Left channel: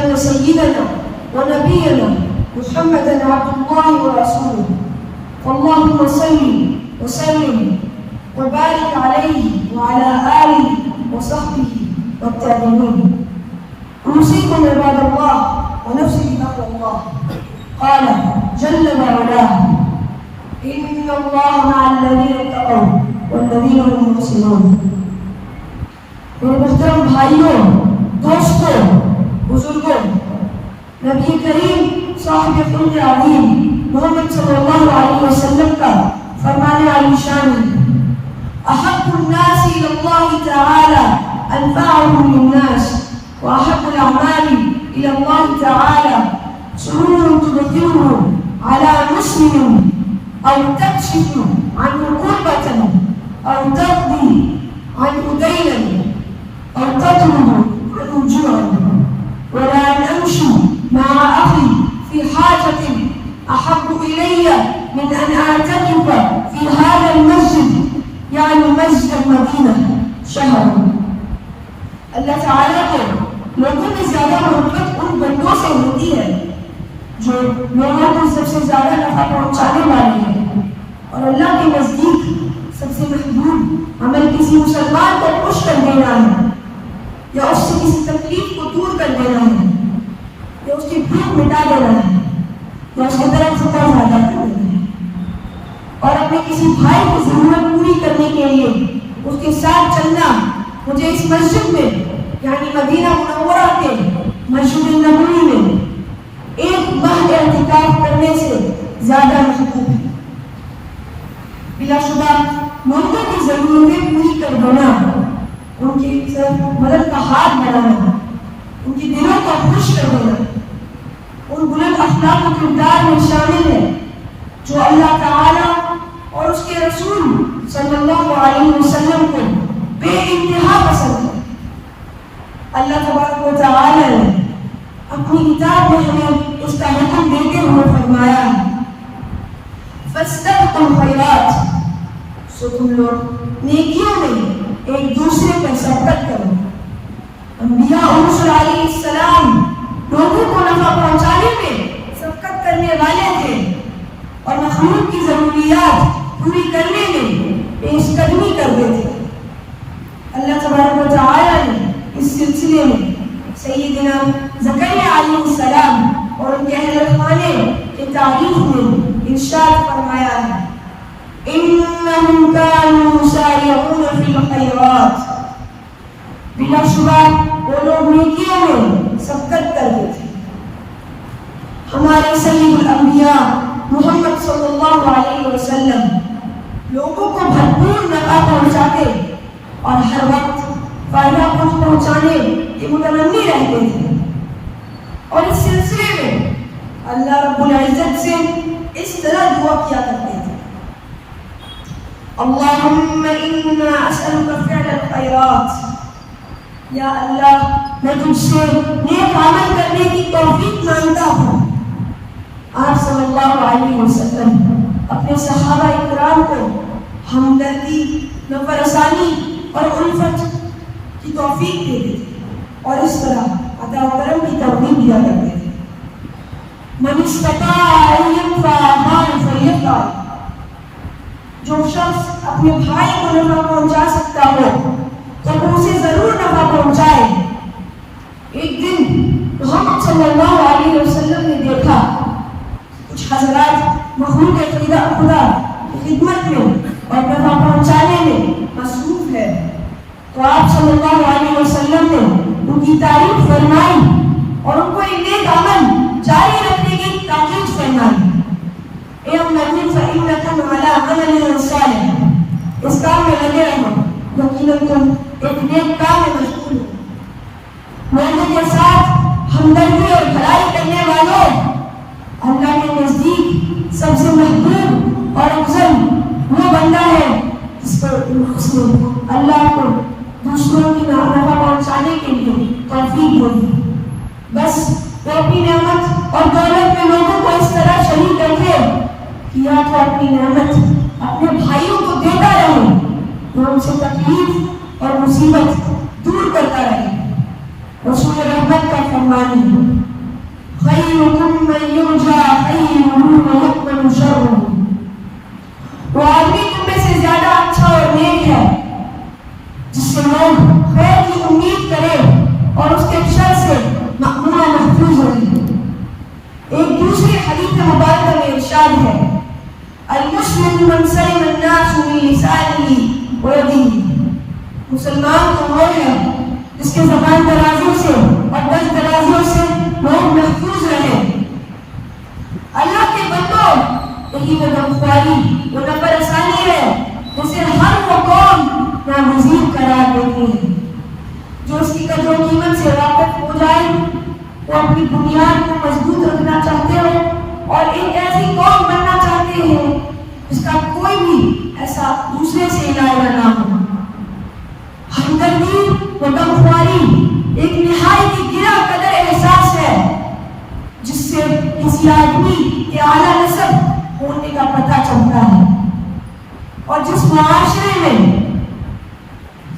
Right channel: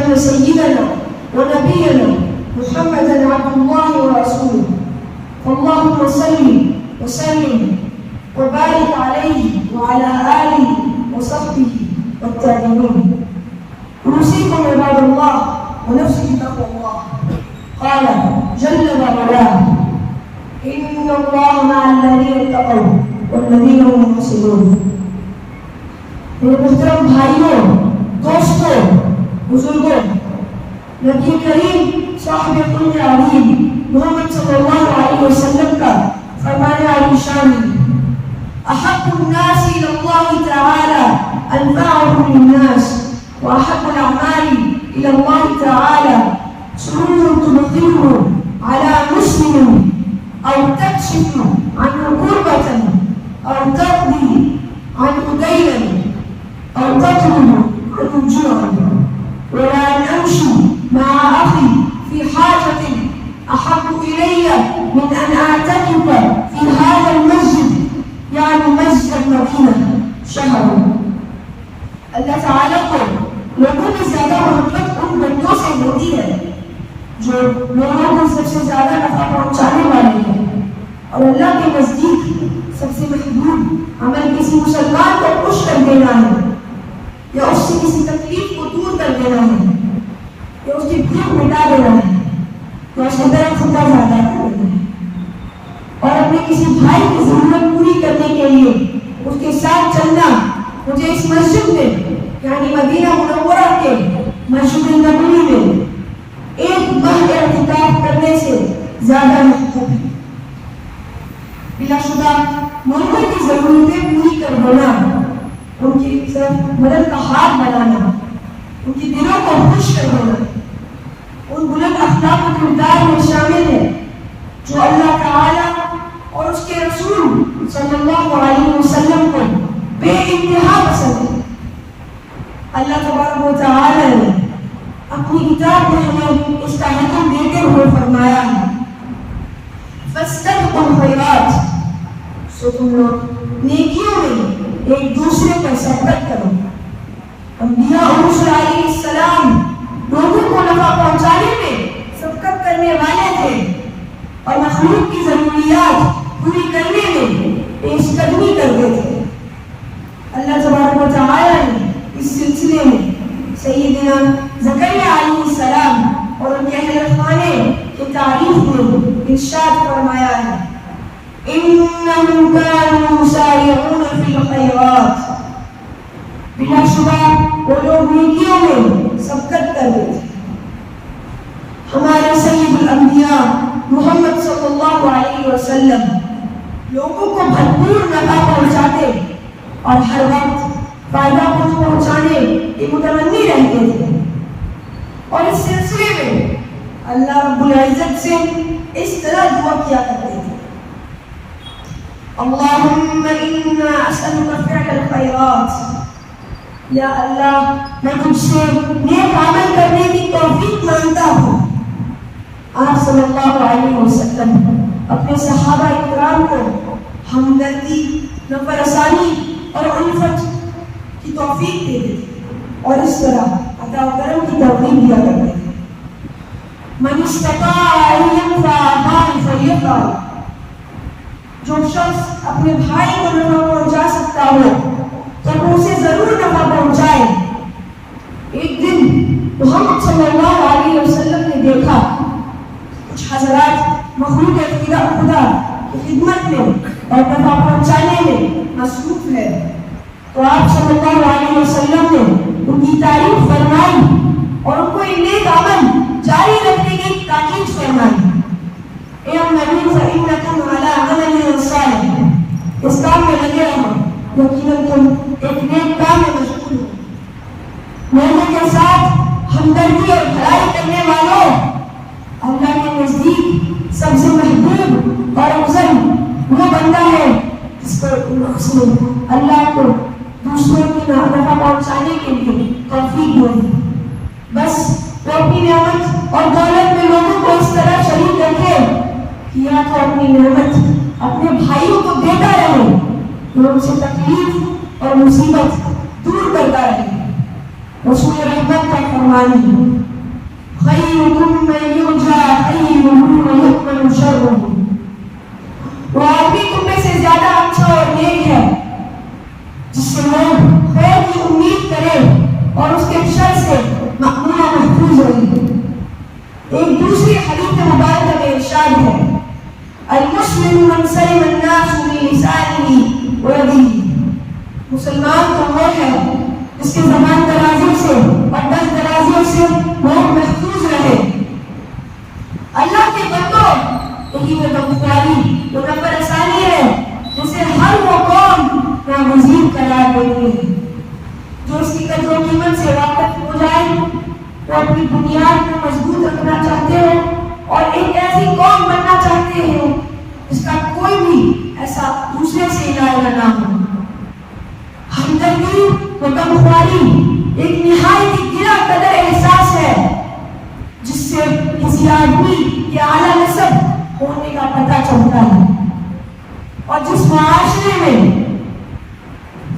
أن سيدنا ونبينا محمدا عبد الله ورسوله، اللهم صل وسلم وبارك عليه وعلى آله وصحبه والتابعين. أوصيكم عباد الله ونفسي بتقوى الله. قال جل وعلا: إن الله مع الذين اتقوا والذين هم محسنون. میرے محترم بھائیوں، دوستوں، بزرگوں، نبی کریم صاحب خلق عظیم محمد صلی اللہ علیہ وسلم کا فرمان علی شان: احب الناس الى اللہ تعالی انفعهم للناس، واحب الاعمال الى اللہ تعالی سرور تدخله على مسلم او تكشف عنه كربة او تقضي عنه دينا أو تطلب عنه جوعا، ولا أن أمشي مع أخي في حاجة أحب إلي من أن أعتكف في هذا المسجد، يعني مسجد المدينة، شهرا. اللہ تعالیٰ کو لوگوں میں زیادہ محبت ان بندوں سے ہوتی ہے جو لوگوں کو سب سے زیادہ نفع پہنچانے والے ہیں، اور اللہ کے نزدیک سب سے محبوب عمل کسی مسلمان کو خوش کر دینا ہے، یا اس سے کسی تکلیف کو دور کر دینا ہے، یا اس کی بھوک مٹا دینا ہے، یا اس کے درد ختم زیادہ کر دینا ہے، اور اپنے کسی بھائی کی ضرورت پوری کرنے کے لیے اس کے ساتھ چلنا مجھے اس مسجد میں یعنی مدینہ منورہ کے مسجد نبوی میں ایک ماہ اعتکاف کرنے سے زیادہ محبوب ہے۔ بلا شبہ لوگوں کی ضرورتیں پوری کر دینا، ان کی مدد کا ہاتھ بنانا، ان کی دلوں کو خوش کر دینا، ان بلند اخلاق و کردار میں شامل ہے جو اللہ تعالی اور اس کے رسول صلی اللہ علیہ وسلم کو بے انتہا پسند ہے۔ اللہ تبارک و تعالی نے اپنی کتاب میں ہمیں اس کا حکم دیتے ہوئے فرمایا ہے: فاستبقوا الخیرات، سو تم لوگ نیکیوں میں ایک دوسرے پر سبقت کرو۔ انبیاء اور رسول علیہ السلام لوگوں کو نفع پہنچانے میں سبقت کرنے والے تھے، اور مخلوق کی ضروریات پوری کرنے میں پیش قدمی کرتے تھے۔ اللہ تبارک و تعالی نے اس سلسلے میں سیدنا زکریا علیہ السلام اور ان کے اہل خانے کی تعریف میں ارشاد فرمایا ہے: انہم کانوا یسارعون فی الخیرات، بلا شبہ وہ لوگ نیکیوں میں سبقت کرتے تھے۔ ہمارے سید الانبیاء محمد صلی اللہ علیہ وسلم لوگوں کو بھرپور نفع پہنچاتے اور ہر وقت فائدہ پہنچانے کے متنمی رہتے تھے، اور اس سلسلے میں اللہ رب العزت سے اس طرح دعا کیا کرتے تھے: اللہم انا اسألک فعل الخیرات، یا اللہ میں تجھ سے نیک عمل کرنے کی توفیق مانگتا ہوں۔ آپ صلی اللہ علیہ وسلم اپنے صحابہ اکرام کو ہمدردی، نفرسانی اور الفت کی توفیق دیتے تھے، اور اس طرح عطا و کرم کی توفیق دیا کرتے تھے۔ من استطاع ان ينفع اخاه فليفعل، جو شخص اپنے بھائی کو نفع پہنچا سکتا ہو تو وہ اسے ضرور نفع پہنچائے۔ ایک دن محمد صلی اللہ علیہ وسلم نے دیکھا کچھ حضرات مخلوق خدا کی خدمت میں اور نفع پہنچانے میں مصروف ہے، تو آپ صلی اللہ علیہ وسلم نے ان کی تعریف فرمائی اور ان کو ایک نیک عمل جاری رکھنے کی تاکید فرمائی: اعملوا فإنکم علی عمل صالح، اس کام میں لگے رہو، یقیناً تم ایک نیک کام میں مشغول ہو۔ لوگوں کے ساتھ ہمدردی اور بھلائی کرنے والوں، اللہ کے نزدیک سب سے محبوب اور افضل وہ بندہ ہے جس کو اللہ کو دوسروں کی نفع پہنچانے کے لیے توفیق دے۔ بس وہ اپنی نعمت اور دولت میں لوگوں کو اس طرح شریک رکھے کہ یا تو اپنی نعمت اپنے بھائیوں کو دیتا رہے، وہ ان سے تکلیف اور مصیبت دور کرتا رہے، رسول رحمت کا فرمان ہے خیرکم من یرجا خیرہ ویؤمن شرہ، وہ آدمی تم میں سے زیادہ اچھا اور نیک ہے جس سے لوگ خیر کی امید کرے اور اس کے شر سے مأمون محفوظ رہے۔ ایک دوسری حدیث مبارکہ میں ارشاد ہے المسلم من سلم الناس من لسانہ ویدہ، مسلمان تو وہ ہے جس کے زبان درازیوں سے اور دست درازیوں سے لوگ محفوظ رہے۔ اللہ کے بندوں، یہی وہ غمخواری، وہ نمبر آسانی ہے جسے ہر وہ قوم ناگزیر قرار دیتی ہے۔ جو اس کی قدر و قیمت سے واقف ہو جائے، وہ اپنی بنیاد کو مضبوط رکھنا چاہتے ہو اور ایک ایسی قوم بننا چاہتے ہیں جس کا کوئی بھی ایسا دوسرے سے علاوہ نہ ہو۔ ہمدردی و غمخواری ایک نہایت گرا قدر احساس ہے جس سے کسی آدمی کے اعلیٰ نسب ہونے کا پتہ چلتا ہے، اور جس معاشرے میں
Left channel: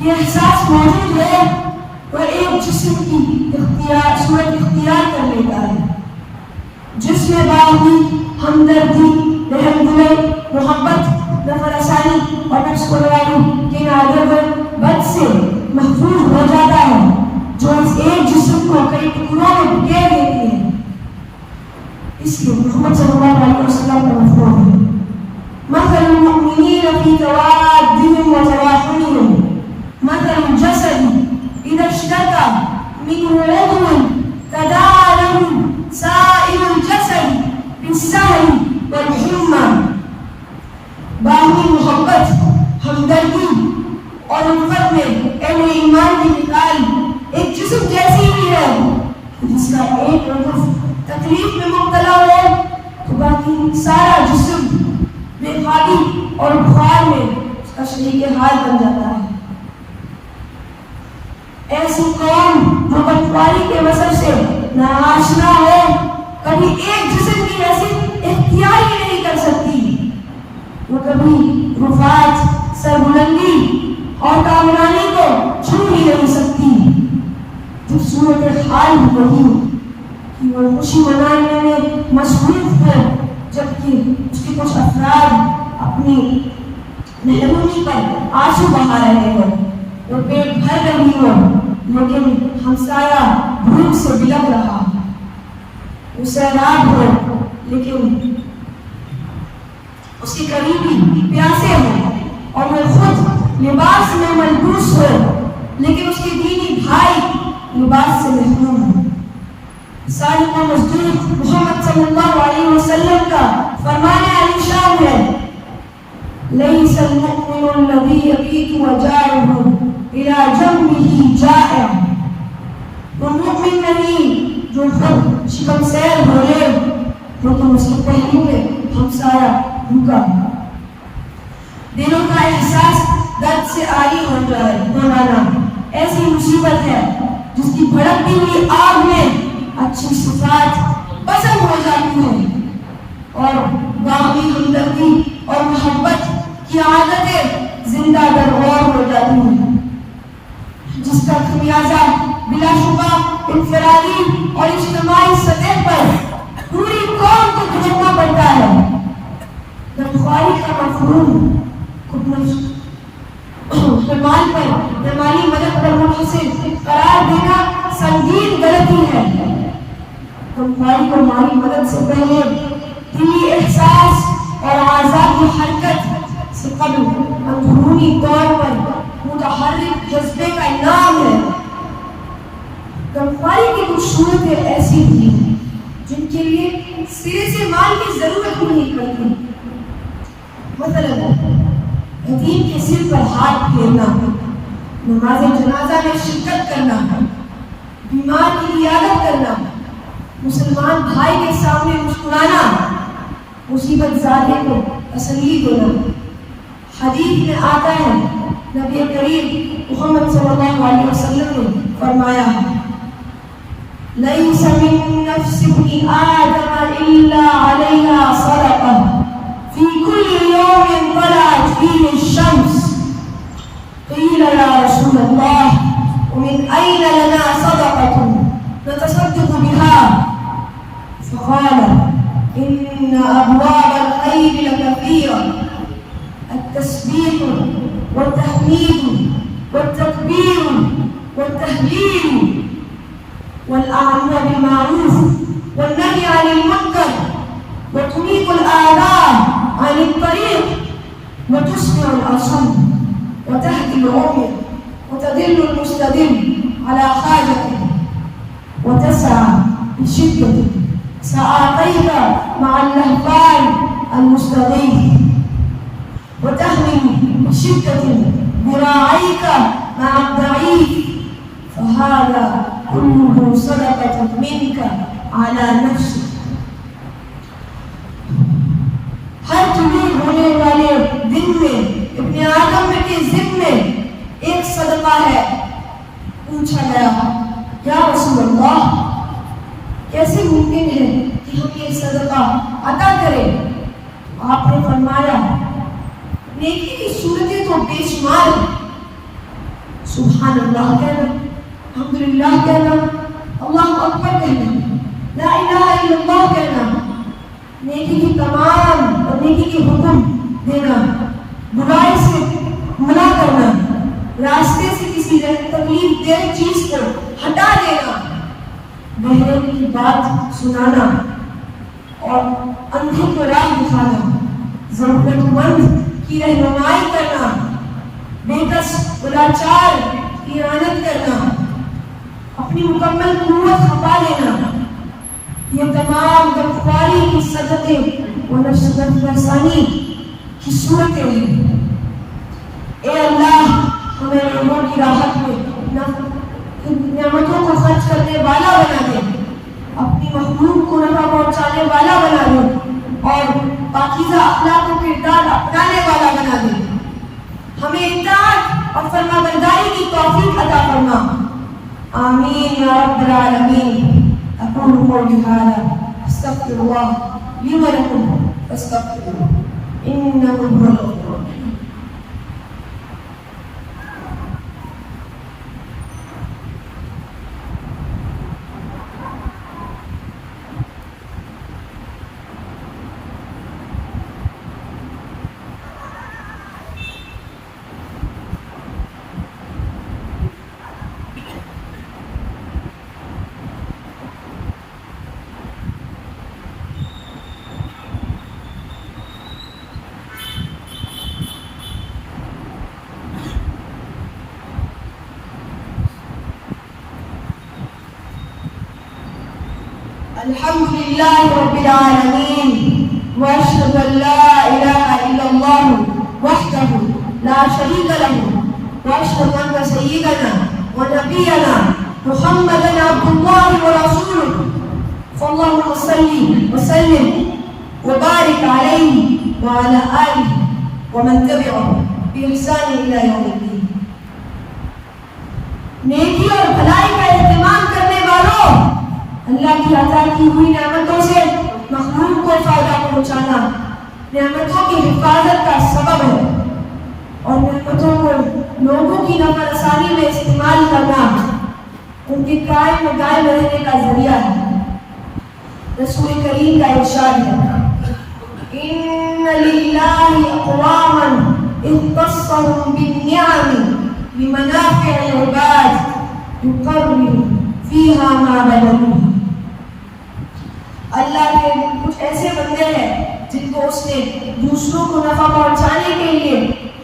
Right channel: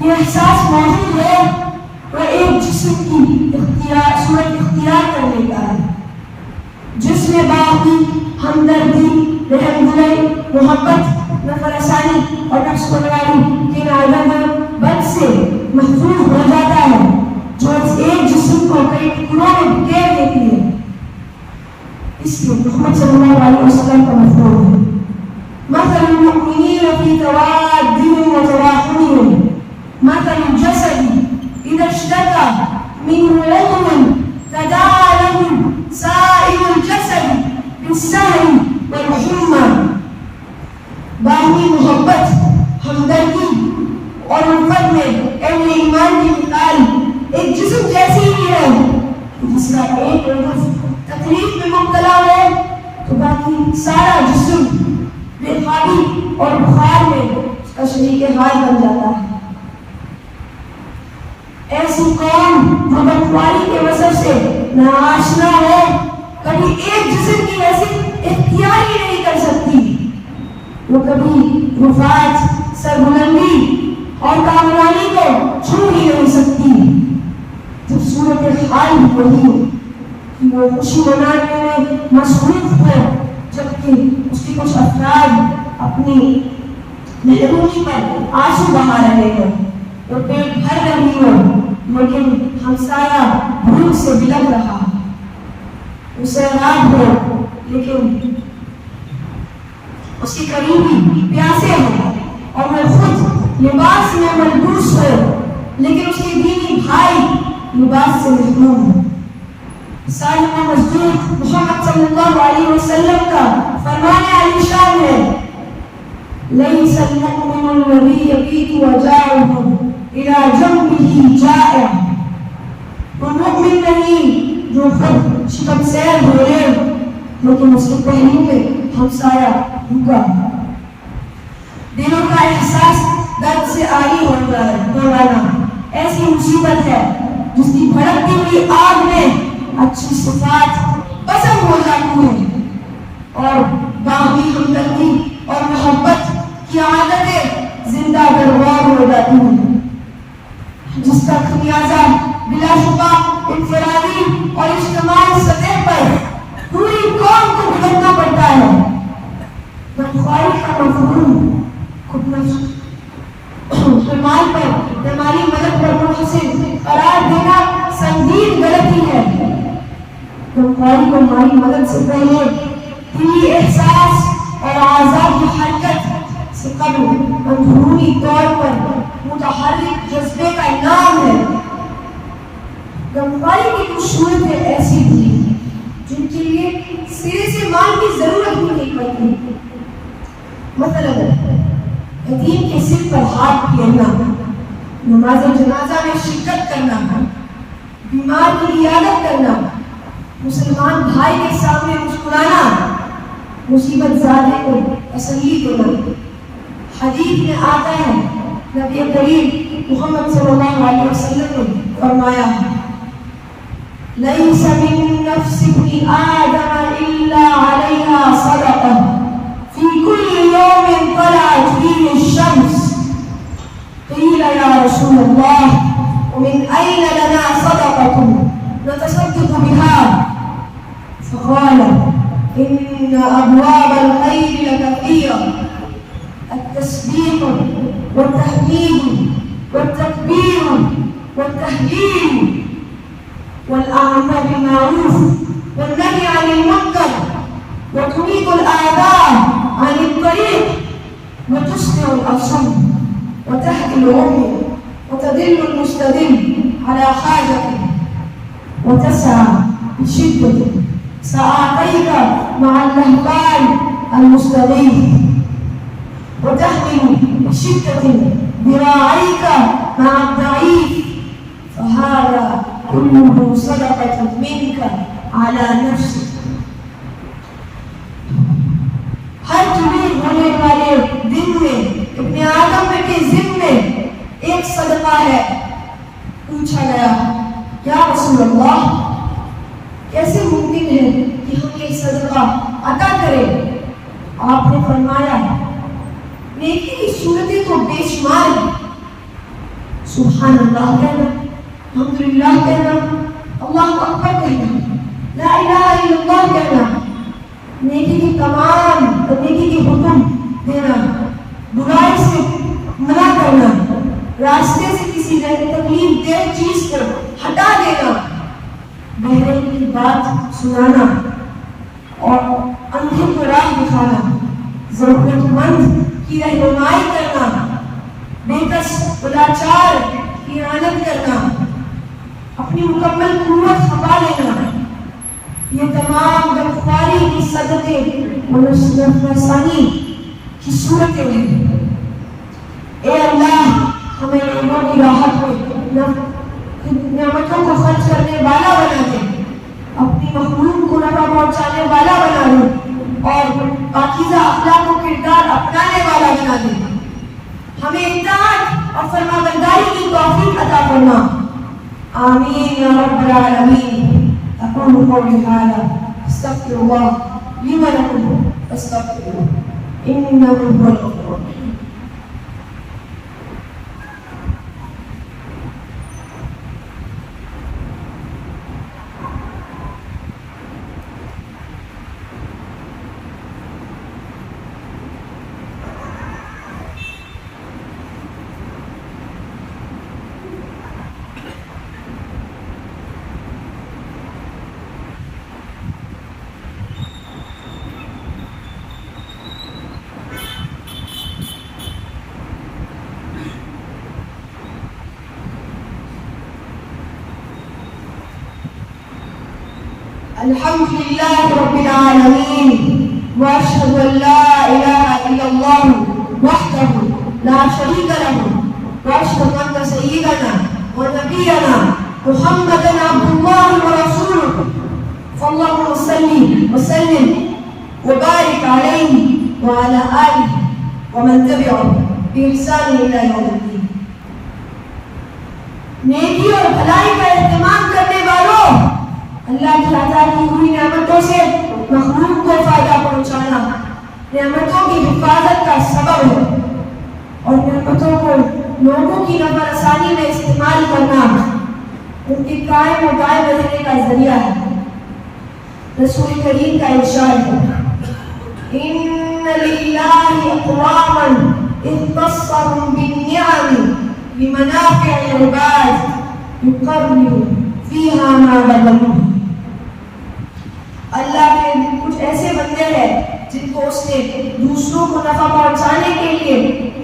یہ احساس موجود ہے وہ ایک جسم کی صورت اختیار کر لیتا ہے جس میں باہمی ہمدردی، رحم دلی، محبت، نفر آسانی اور نفس پروری کے ناظر بد سے محفوظ ہو جاتا ہے، جو اس ایک جسم کو کئی ٹکڑوں میں بکھیر دیتی ہے۔ اس لیے محمد صلی اللہ علیہ وسلم کا مفہوم ہے مثل المؤمنین فی توادهم وتراحمهم مثل الجسد اذا اشتكى منه عضو تداعى له سائر الجسد بالسهر والحمى۔ باہمی محبت، ہمدردی اور الفت میں اہل ایمان کی مثال ایک جسم جیسی ہی ہے جس کا ایک عضو تکلیف میں مبتلا ہو تو باقی سارا جسم بے خوابی اور بخار میں اس کا شریک حال بن جاتا ہے۔ ایسی قوم جو بدخواری کے مسئلے سے ناآشنا ہو کبھی ایک جسم کی حیثیت اختیار ہی نہیں کر سکتی، وہ کبھی رفعت، سربلندی اور کامرانی کو چھو ہی نہیں سکتی۔ جب صورت حال بھی وہی ہو کہ وہ خوشی منانے میں مصروف ہے جبکہ اس کے کچھ افراد اپنی محرومی پر آنسو بہا رہے ہوں، وہ پیٹ بھر رہی ہو لیکن ہمسایہ بھوک سے بلک رہا، وہ سیراب ہو لیکن اس کی قریبی پیاسے ہو، اور وہ خود لباس میں ملبوس ہو لیکن اس کے دینی بھائی لباس سے محروم ہو۔ صالح مصدوق محمد صلی اللہ علیہ وسلم کا فرمان علی شان ہے لیس المؤمن الذی یبیت وجاعہ الی جنبہ جائع، وہ مؤمن نہیں جو خود شکم سیر ہو لے لیکن اس کے پہلو میں ہمسایہ بھوکا ہے۔ دلوں کا احساس درد سے عاری ہو جانا ایسی مصیبت ہے جس کی بھڑکتی ہوئی آگ میں اچھی صفات پسند ہو جاتی ہیں اور باہمی ہمدردی اور محبت کی عادتیں زندہ درغور ہو جاتی ہیں، جس کا خمیازہ بلا شبہ انفرادی اور اجتماعی سطح پر پوری قوم کو بھگتنا پڑتا ہے۔ غمخواری کا مفہوم خود نفس مال پر یا مالی مدد پر منحصر قرار دینا سنگین غلطی ہے۔ غمخواری کو مالی مدد سے پہلے دلی احساس اور اعضاء کی حرکت سے قبل اندرونی طور پر متحرک جذبے کا انعام ہے۔ غمخواری کی کچھ صورتیں ایسی تھیں جن کے لیے سرے سے مال کی ضرورت ہی نہیں پڑتی، مثلا یتیم کے سر پر ہاتھ پھیرنا، نماز جنازہ میں شرکت کرنا، بیمار کی عیادت کرنا، مسلمان بھائی کے سامنے مسکرانا، مصیبت زادے کو تسلی دینا۔ حدیث میں آتا ہے نبی کریم محمد صلی اللہ علیہ وسلم نے فرمایا لیس من نفس ابن آدم الا علیہا صدقہ فی کل یوم طلعت فیہ الشمس قیل یا رسول اللہ ومن أين لنا صدقة نتصدق بها؟ فقال إن أبواب الخير لكثيرة، التسبيح والتحميد والتكبير والتهليل والأمر بالمعروف والنهي عن المنكر وتميت الآذى عن الطريق وتسمع الأصم وتهدي العمي وتدل المستدل على حاجته وتسعى بشدة سعاتيك مع اللهفان المستغيث وتحمل بشدة ذراعيك مع الضعيف، فهذا كله صدقة منك على نفسك. ہر تمہیں ہونے والے دن میں ابن آدم کے ذمے ایک صدقہ ہے. پوچھا گیا یا رسول اللہ کیسے ممکن ہے کہ ہم یہ صدقہ عطا کریں؟ آپ نے فرمایا نیکی کی صورتیں تو بے شمار ہیں. سبحان اللہ کہنا، الحمدللہ کہنا، اللہ اکبر کہنا، لا الہ الا اللہ کہنا، نیکی کی تمام اور نیکی کی حکم دینا، برائی سے منع کرنا، راستے سے کسی تکلیف دہ چیز کو ہٹا دینا، بہرے کی بات سنانا اور اندھے کو راہ دکھانا، ضرورت مند کی رہنمائی کرنا، بے کس لاچار کی اعانت کرنا، اپنی مکمل قوت کھپا لینا، یہ تمام گرفتاری کی صدقے و نفسانی کی صورتیں ہیں. اے اللہ ہمیں لوگوں کی راحت میں نعمتوں کو خرچ کرنے والا بنا دے، اپنی مخلوق کو نفع پہنچانے والا بنا دے اور پاکیزہ اخلاق و کردار اپنانے والا بنا دے. ہمیں اطاعت اور فرما برداری کی توفیق عطا فرما. آمین یا رب العالمین. أقول قولي هذا أستغفر الله لي ولكم فاستغفروه إنه هو الغفور الرحيم. الحمد لله رب العالمين وأشهد أن لا إله إلا الله وحده لا شريك له وأشهد أن سيدنا ونبينا محمدا عبد الله ورسوله فاللهم صل وسلم وبارك عليه وعلى آله ومن تبعه بإحسان إلى يوم الدين. نیکی اور بھلائی کا اہتمام کرنے والوں، اللہ کی عطا کی ہوئی نعمتوں سے مخلوق کو فائدہ پہنچانا نعمتوں کی حفاظت کا سبب ہے اور نعمتوں کو لوگوں کی نفع رسانی میں استعمال کرنا ان کے قائم و دائم رہنے کا ذریعہ ہے. رسول کریم کا ارشاد ہے ان للہ اقواما اختصهم بالنعم لمنافع العباد يقرر فيها ما بلغوا. اللہ کے کچھ ایسے بندے ہیں جن کو اس نے دوسروں کو نفع پہنچانے کے لیے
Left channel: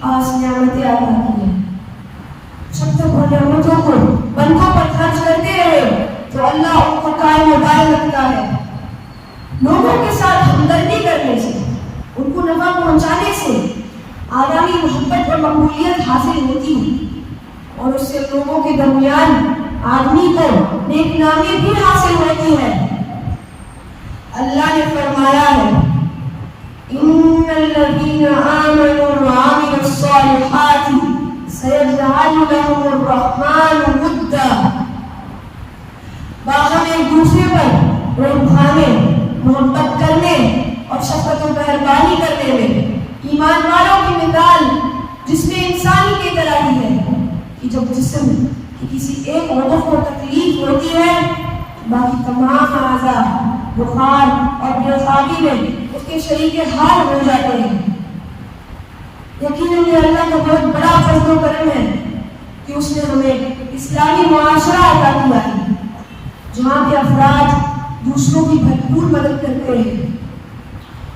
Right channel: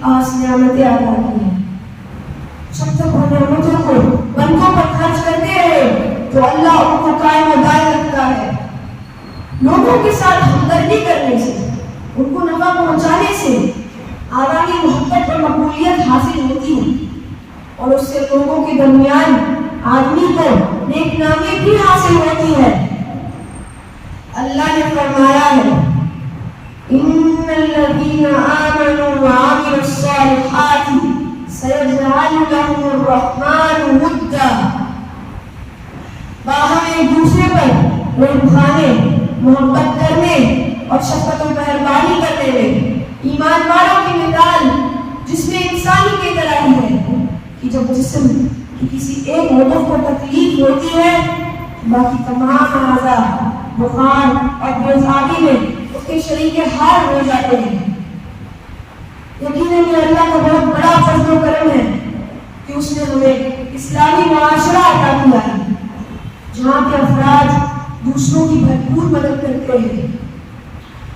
خاص نعمتیں عطا کی ہیں. جب تک وہ نعمتوں کو بندوں پر خرچ کرتے رہے تو اللہ ان کو قائم و دائم رکھتا ہے. لوگوں کے ساتھ ہمدردی کرنے سے، ان کو نفع پہنچانے سے آدمی محبت اور مقبولیت حاصل ہوتی ہے اور اس سے لوگوں کے درمیان آدمی کو نیک نامی بھی حاصل ہوتی ہے. اللہ نے فرمایا ہے ان الذين آمنوا وعملوا الصالحات سيجعل لهم الرحمن ودا. باہم ایک دوسرے پر رحمانے، محبت کرنے اور شفقت و مہربانی کرنے میں ایمان والوں کی مثال جس میں انسانی کی طرح ہی ہے کہ جب جسم کہ کسی ایک عضو کو تکلیف ہوتی ہے باقی تمام اعضاء بخار اور بیزاری میں اس کے شریک حال ہو جاتے ہیں۔ یقیناً یہ اللہ کا بہت بڑا فضل و کرم ہے کہ اس نے ہمیں اسلامی معاشرہ عطا کیا ہے جہاں کے افراد دوسروں کی بھرپور مدد کرتے ہیں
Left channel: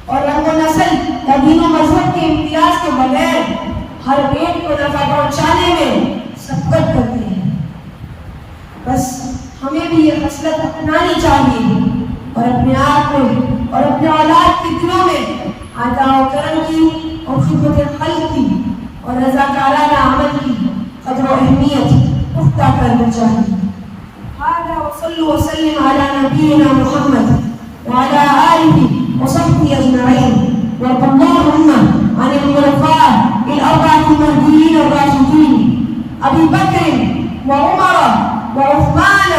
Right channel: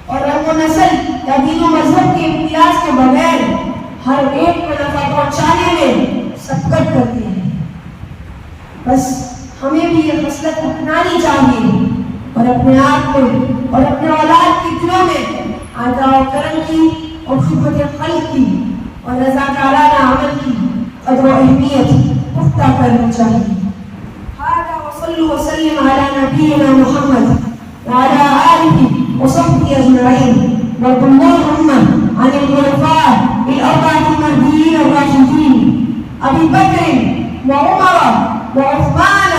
اور رنگ و نسل یا دین و مذہب کے امتیاز کے بغیر ہر ایک کو نفع پہنچانے میں سبقت کرتے ہیں۔ بس ہمیں بھی یہ خصلت اپنانی چاہیے اور اپنے آپ میں اور اپنے اولاد کے دلوں میں عطا و کرم کی اور خدمت خلق کی اور رضاکارانہ عمل کی قدر و اہمیت پختہ کرنی چاہیے۔ هذا وصلوا وسلم على نبينا محمد وعلى آله وصحبه أجمعين وارض اللهم عن الخلفاء الأربعة المهديين الراشدين أبي بكر وعمر وعثمان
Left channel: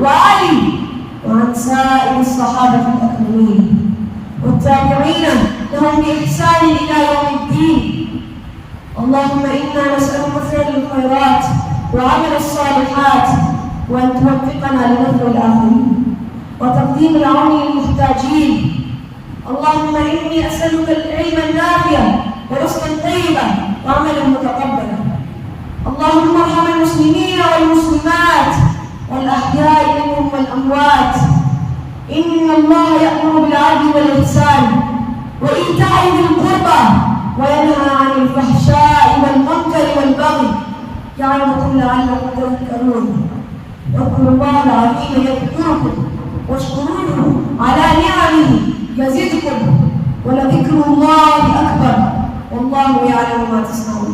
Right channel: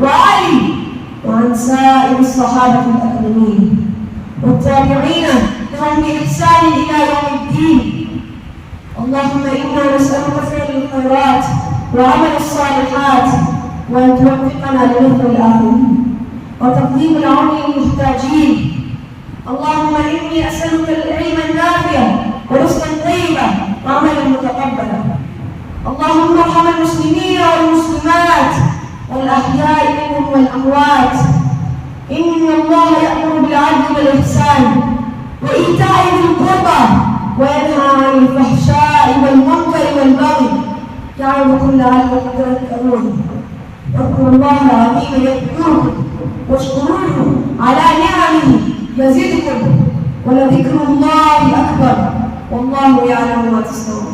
وعلي وعن سائر الصحابة الأكرمين والتابعين لهم بإحسان إلى يوم الدين۔ اللهم إنا نسألك فعل الخيرات وعمل الصالحات وأن توفقنا لنصر الآخرين وتقديم العون للمحتاجين۔ اللهم إني أسألك العلم النافع ورزقا طيبا وعملا متقبلا۔ اللهم ارحم المسلمين والمسلمات والأحياء منهم والأموات، إن الله يأمر بالعدل والإحسان وإيتاء ذي القربى وينهى عن الفحشاء والمنكر والبغي يعظكم لعلكم تذكرون۔ اذكروا الله العظيم يذكركم واشكروه على نعمه يزدكم ولذكر الله أكبر والله يعلم ما تصنعون۔